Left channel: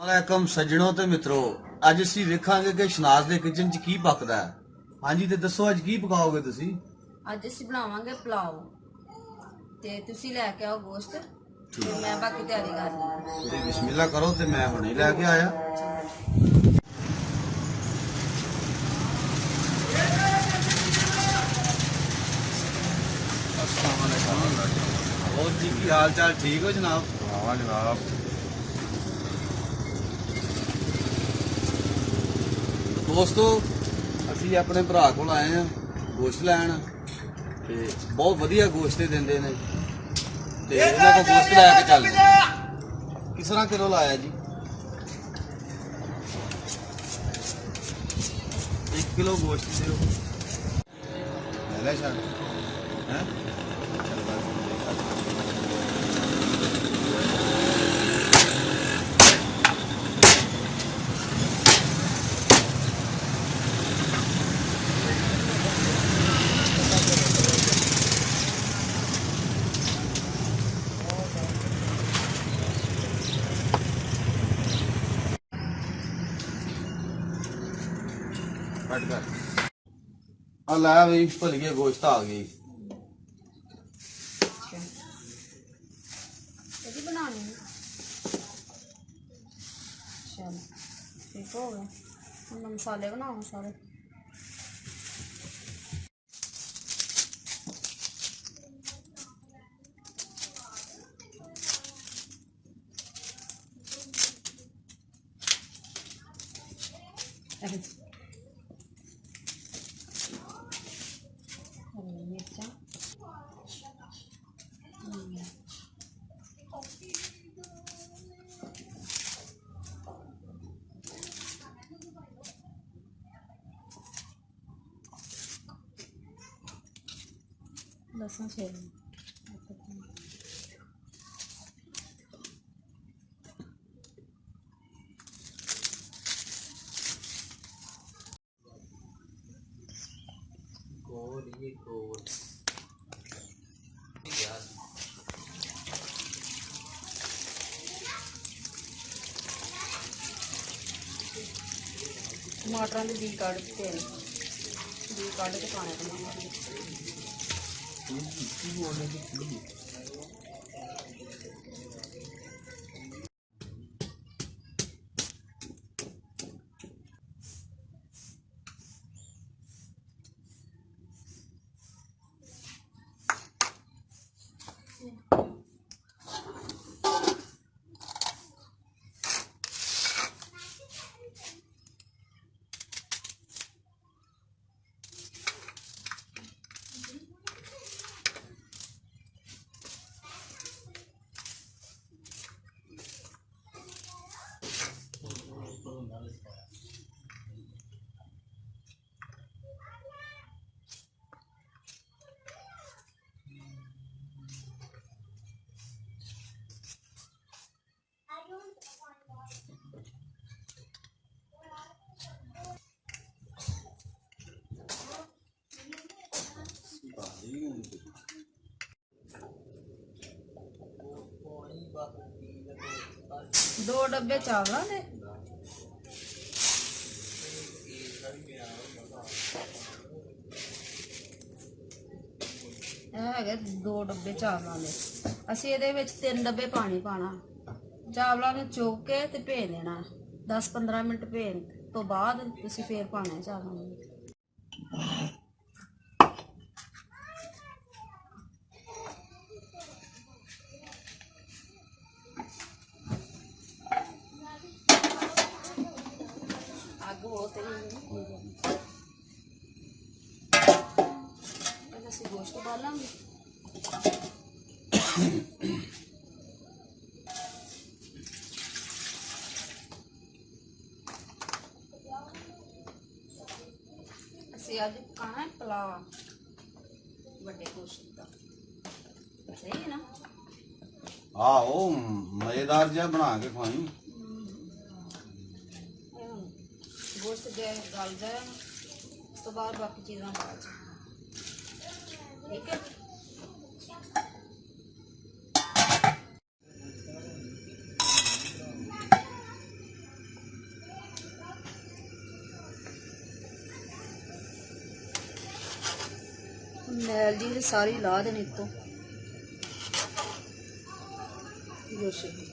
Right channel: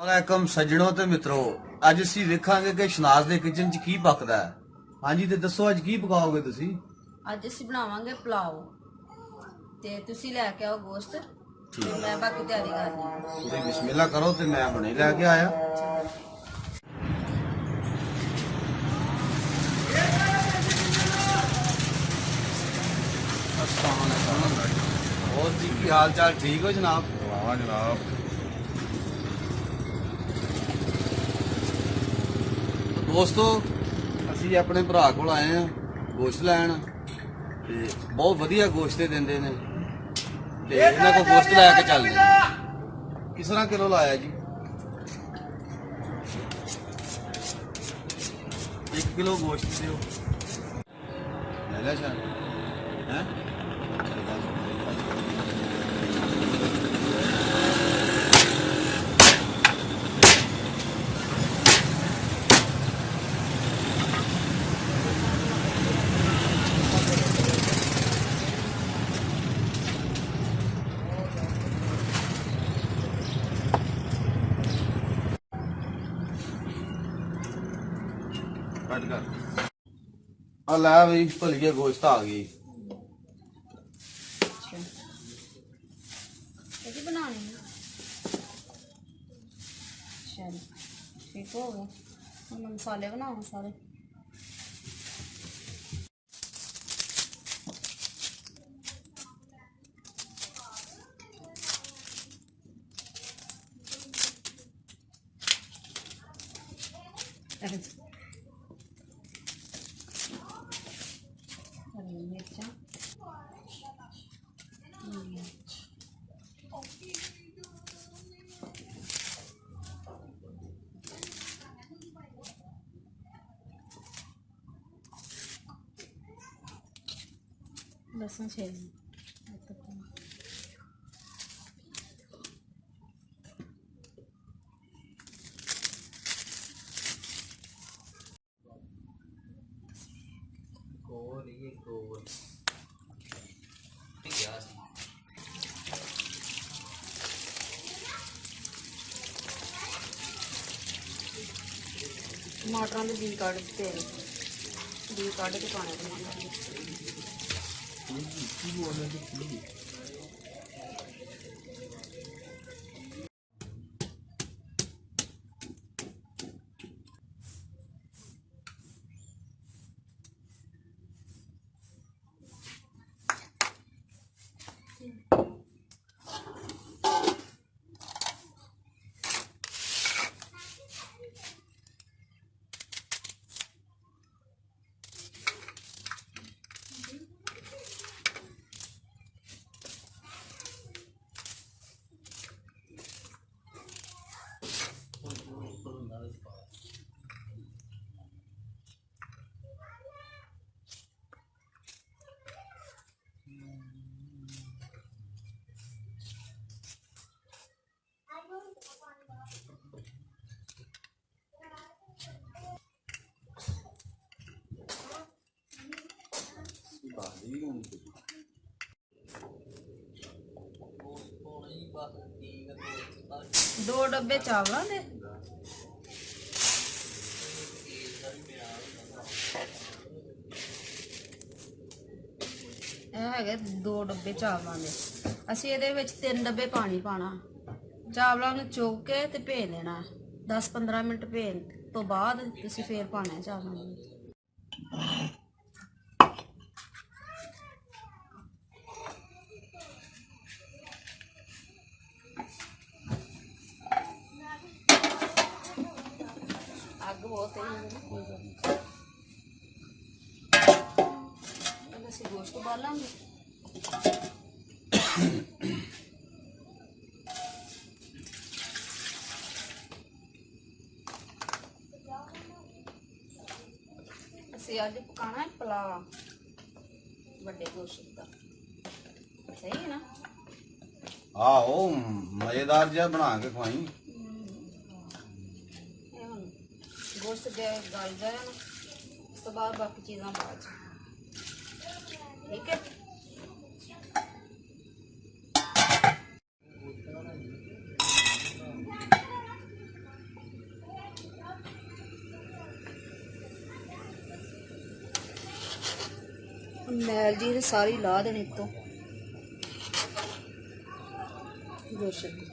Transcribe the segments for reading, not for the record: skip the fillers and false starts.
वालेकुम सज्जनों ते मित्रों, अज असीं वेखांगे कि शनाज दे किचन च की पकदा है। हाँ जी, ते दसो अज की पकाओगे तुसीं? ਅੱਜ ਅਸੀਂ ਬਣਾਵਾਂਗੇ ਪਲਾਓ ਤੇ ਤੁਸੀਂ ਲੈ ਕੇ ਆਓ ਗੋਸ਼ਤ ਤੇ ਮੈਂ ਬਾਕੀ ਤਿਆਰੀ ਕਰ ਲਈ। ਤੇ ਬਿਸਮਿल्लाह करो ते मैं हुणे लै के आया। अस्सलाम वालेकुम। और जी की हाल चाल ठीक हो जनाब? वाह जनाब। दोस्तों ਅਸੀਂ ਆਪਣੇ ਭਰਾ ਕੋਲ ਆਏ ਆ ਗੋਸ਼ਤ ਲੈਣ ਤੇ ਬਹੁਤ ਵਧੀਆ ਗੋਸ਼ਤ ਦਿੰਦੇ ਨੇ ਤੇ ਇਹਨਾਂ ਕੋਲ ਗੋਸ਼ਤ ਲੈ ਕੇ ਚੱਲਦੇ ਹਾਂ। ਕਿਸ ਤਰ੍ਹਾਂ ਕਿਲੋ ਲਾਇਆ ਜੀ? 1 ਕਿਲੋ ਗੋਸ਼ਤ ਦਿਓ। ਲੈ ਸ਼ਾਨ ਹੈ कट कर आ लै बी भलिए गोश्त आ गई। ਇਹਦੀ ਬਣਾਉਣੀ ਹੈ। ਚਲ ਠੀਕ ਹੋ ਗਿਆ। ਹੁਣ ਮੈਂ ਮਸਾਲੇ ਬਣਾਵਾਂ ਸਾਰੇ। हरी मिर्चा लहसुन छील टमाटर के बीज कढ़ के बीज कढ़ के पाने बनावांगे। दो डब्बे चावलों दे है 2 डब्बे चावलों दे। असी ये 3 डब्बे पानी पाना। चावलों में चुग के ते भे देना 10-15 मिनट भेन तो बाद तुसी फिर पाना चावलों में। गोश्त उबालेंगे। ਅਸੀਂ ਅੱਜ ਪਕਾਣਾ ਹੈ ਪਲਾਓ ਵੱਡੇ ਗੋਸ਼ਤ ਦਾ। ਸਹੀ ਹੈ ਨਾ? ਆਹੋ ਮਜ਼ੇਦਾਰ ਜਿਹਾ ਬਣਾ ਕੇ ਖਵਾਈ। गोश्त गल जाए ना उस तो बाद बाकी चीज़ां बाद ठीक है। मैल जी सारी ला देनी तो गोश्त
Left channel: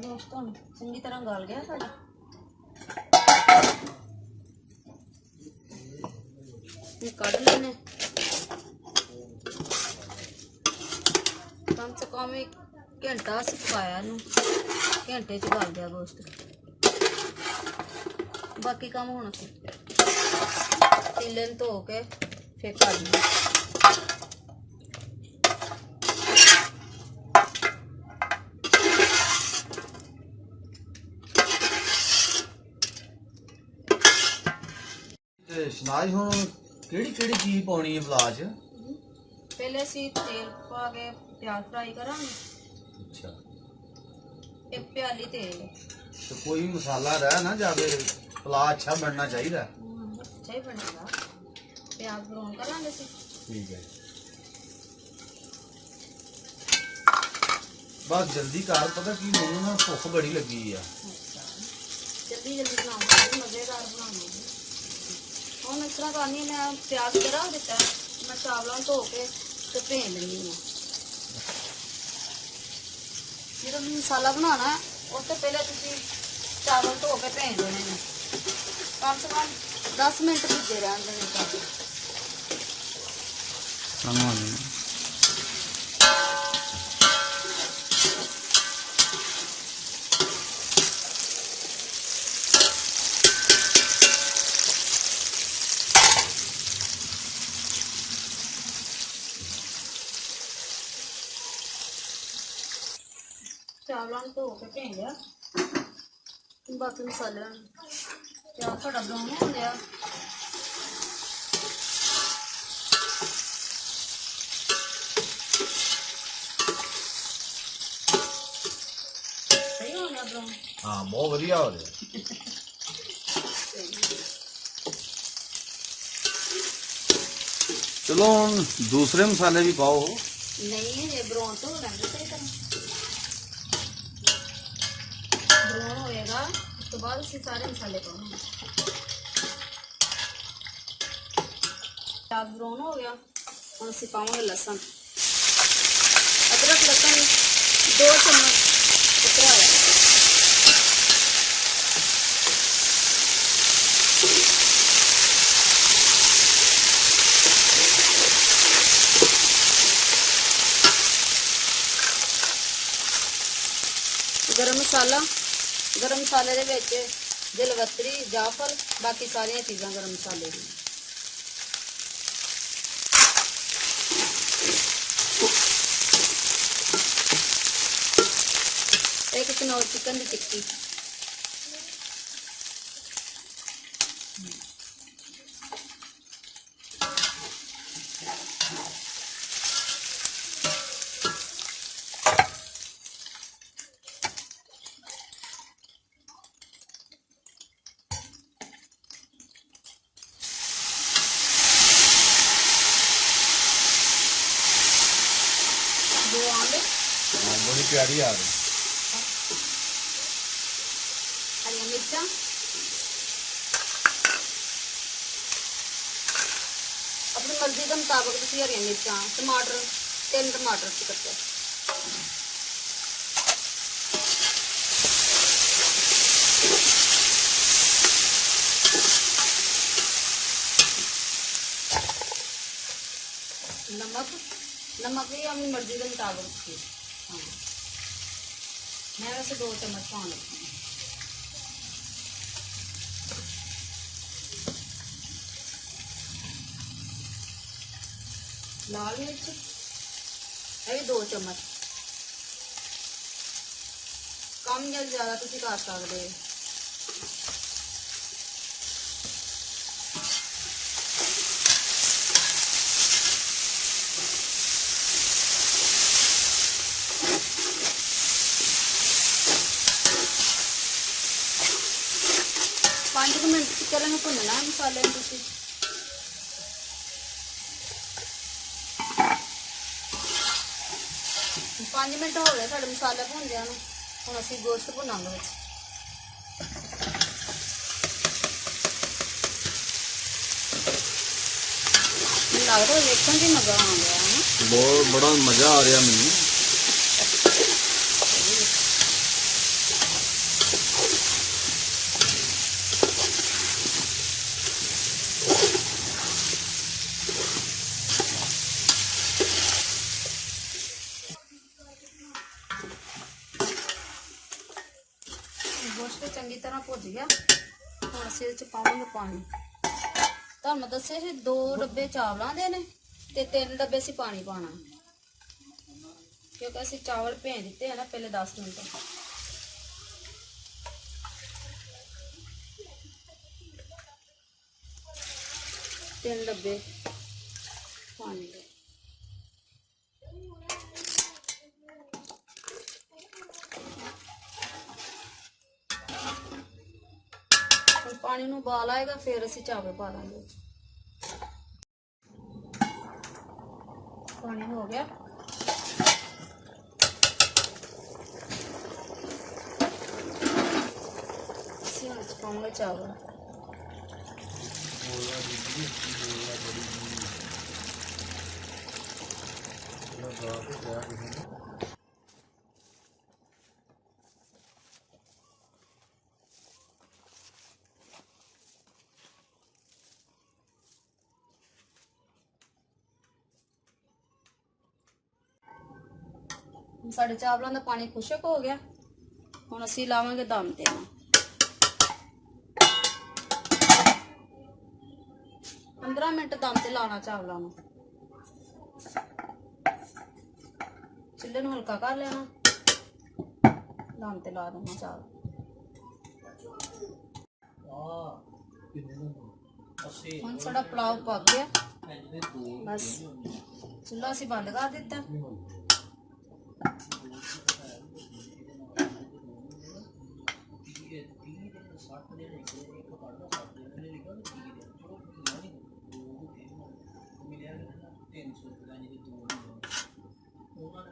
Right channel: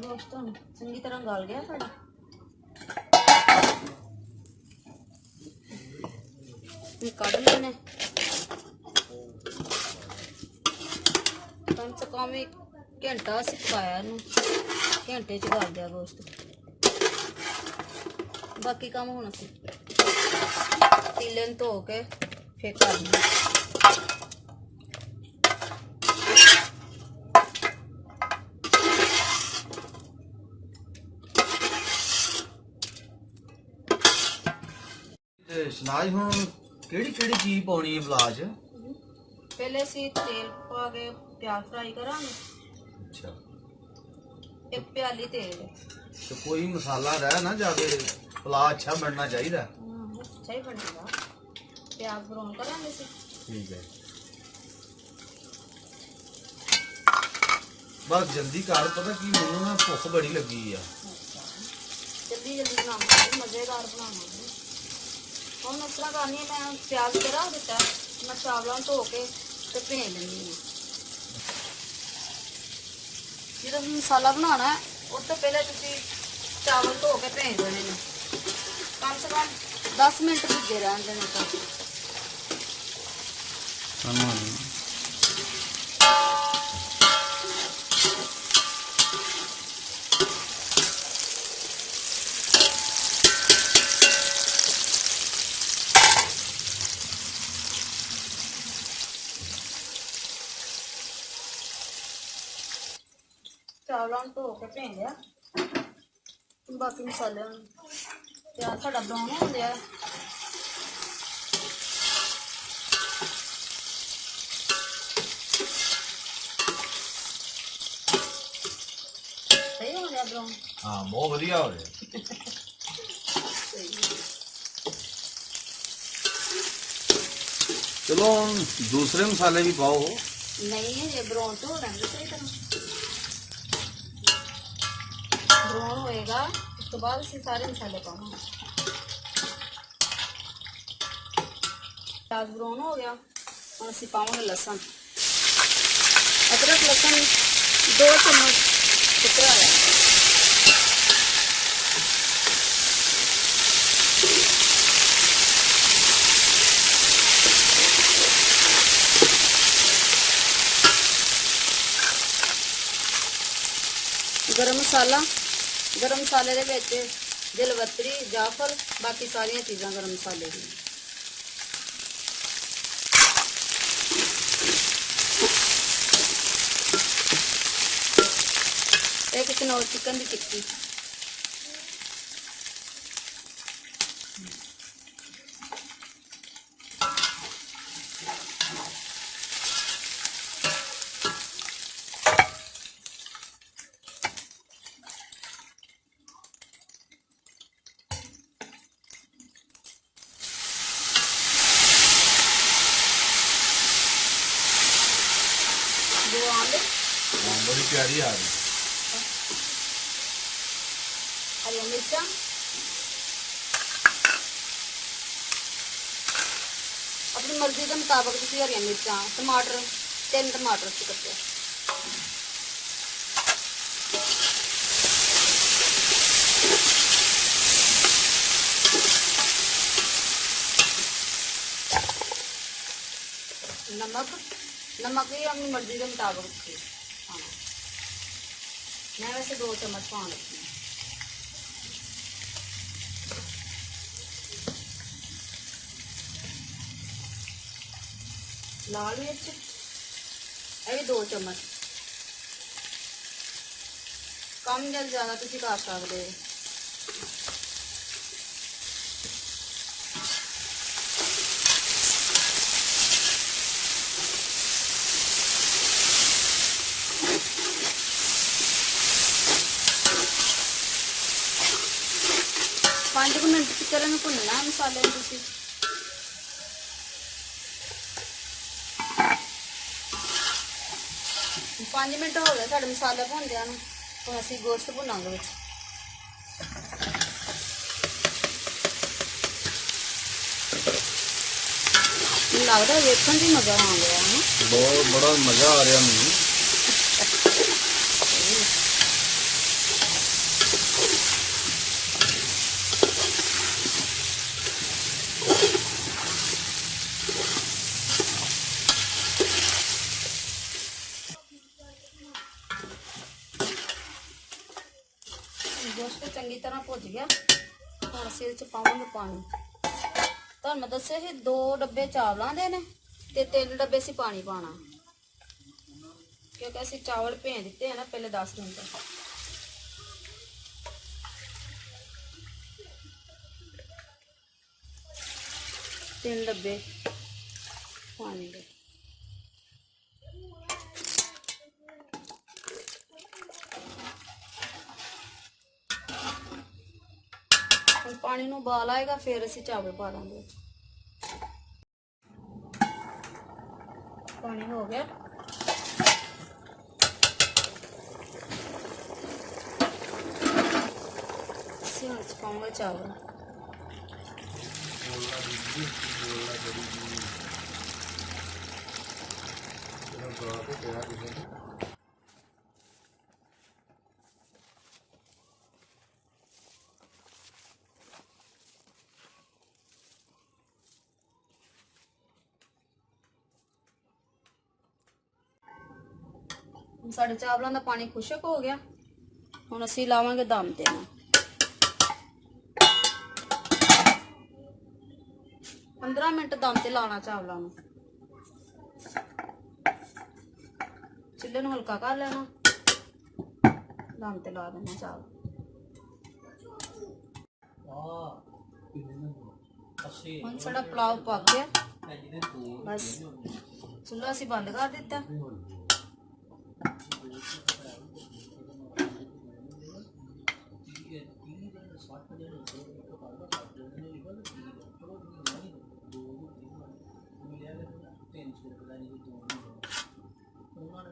दोस्तों चंगी तरह गाल गया सारा कट लेने कम से कम एक घंटा अस पकाया घंटे च गल गया गोश्त बाकी काम हुण असीं पतीले नूं धो के फिर कर लेंगे शनाज हुण केड़ी केड़ी चीज पाउणी है पलाव च पहले असीं तेल पा के प्याज फ्राई करांगे अच्छा एक प्याली तेल तो कोई मसाला रह ना जावे पलाव अच्छा बनना चाहिए अच्छा ही बनेगा प्याज ब्राउन करांगे असीं ठीक है बस जल्दी कर पता की मैनू ना भुख बड़ी लगी है अच्छा जल्दी जल्दी बनावांगे मजेदार बनावांगे हम इस तरह करनी मैं प्याज पे रख दिता मैं चावलों धो के ते भेज लैनी है जो मसाला बनाना है उस तो पहले तुम चावल धो के भेज देने हैं कम से कम 10 मिनट भिजे रहने देने चावलों धो के भेज लिया बाकी मसाले प्याज साडा ब्राउन हो गया सही हो गया ब्राउन हाँ बहुत बढ़िया हो गया चलो दूसरे मसाले भी पाओ नहीं ये ब्राउन तो हो लेंगे सही तरह ब्राउन होएगा उसके बाद इसके सारे मसाले पाऊंगा प्याज ब्राउन हो गया और इसे पाऊंगे लहसुन अदरक लहसुन 2 चम्मच कुतरा है गरम मसाले दे विच जलवतरी जाफर बाकी सारिया चीज़ां गरम मसाले दी एक किलो चिकन की टिक्की बड़ी प्यारी आ रही हरी मिर्चा अपनी मर्जी के मुताबिक तुम हरी मिर्चा टमाटर 3 टमाटर कट्टे नमक भी अपनी मर्जी के मुताबिक हाँ मैं वैसे 2 चम्मच पा लेती हूँ लाल मिर्च ये भी 2 चम्मच कम या ज़्यादा तुम कर सकते हो चलो मैं भुनना मसाले में 5 ਮਿੰਟ ਹੋ ਗਏ ਸਾਡੇ ਮਸਾਲੇ ਭੁੰਨਦਿਆਂ ਨੂੰ। ਹੁਣ ਅਸੀਂ ਗੋਸ਼ਤ ਭੁੰਨਾਂਗੇ ਵਿੱਚ। ਲੱਗਦਾ ਵੇਖਣ ਦੀ ਮਜ਼ਾ ਆਉਂਦਾ ਹੈ। ਬਹੁਤ ਬੜਾ ਮਜ਼ਾ ਆ ਰਿਹਾ ਮੈਨੂੰ। ਗੋਸ਼ਤ ਚੰਗੀ ਤਰ੍ਹਾਂ ਭੁੱਜ ਗਿਆ। ਹੁਣ ਅਸੀਂ ਇਹ ਚ ਪਾਵਾਂਗੇ ਪਾਣੀ। ਤੁਹਾਨੂੰ ਦੱਸਿਆ ਸੀ 2 ਡੱਬੇ ਚਾਵਲਾਂ ਦੇ ਨੇ ਤੇ 3 ਡੱਬੇ ਅਸੀਂ ਪਾਣੀ ਪਾਣਾ, ਕਿਉਂਕਿ ਅਸੀਂ ਚਾਵਲ ਭੇਜ ਦਿੱਤੇ ਆ ਨਾ ਪਹਿਲੇ 10 ਮਿੰਟ। तीन डब्बे पानी के। पानी नूं उबाल आएगा फिर असीं चावल पा देंगे। पानी हो गया। असीं विच पाऊंगे चावल। साढ़े चावलों का पानी खुशक हो गया। हुण असीं लावांगे दम ते। 15 मिनट दम ते लाना चावलों नूं। चुल्हे नूं हल्का कर लेना, दम ते ला देना चावल। हुण साडा पुलाव पक गया। बस चुल्हा असीं बंद कर दिता।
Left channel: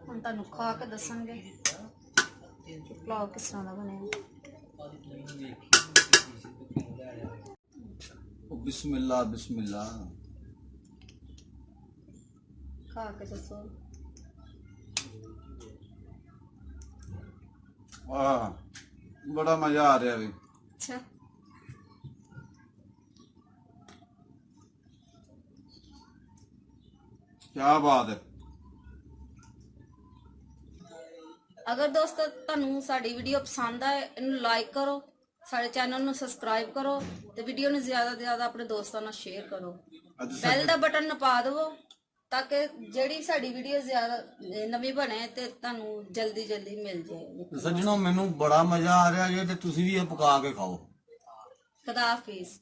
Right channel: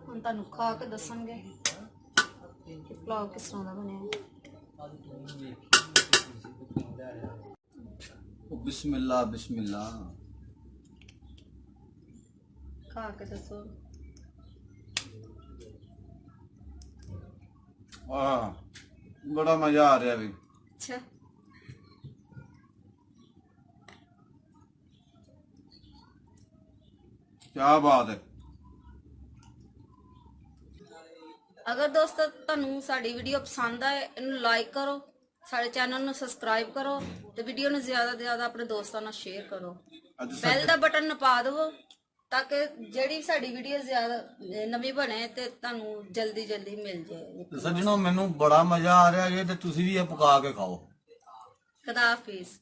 ਹੁਣ ਤੁਹਾਨੂੰ ਖਾ ਕੇ ਦੱਸਾਂਗੇ ਕਿ ਪੁਲਾਓ ਕਿਸ ਤਰ੍ਹਾਂ ਦਾ ਬਣਿਆ। बिस्मिल्लाह बिस्मिल्लाह। खा के दसो। वाह बड़ा मजा आ रहा है। अच्छा क्या बात है। अगर दोस्तों तुहानू साडी वीडियो पसंद आए इनू लाइक करो, साडे चैनल नू सबसक्राइब करो ते वीडियो नू ज़्यादा से ज़्यादा अपने दोस्तों नाल शेयर करो। बैल दा बटन नपा दवो ताकि जेड़ी साडी वीडियो ज़्यादा नवी बने ते तुहानू जल्दी जल्दी मिल जाए। सज्जनों मैनू बड़ा मजा आ रहा है ते तुसीं भी ये पका के खाओ। खुदा हाफिज़।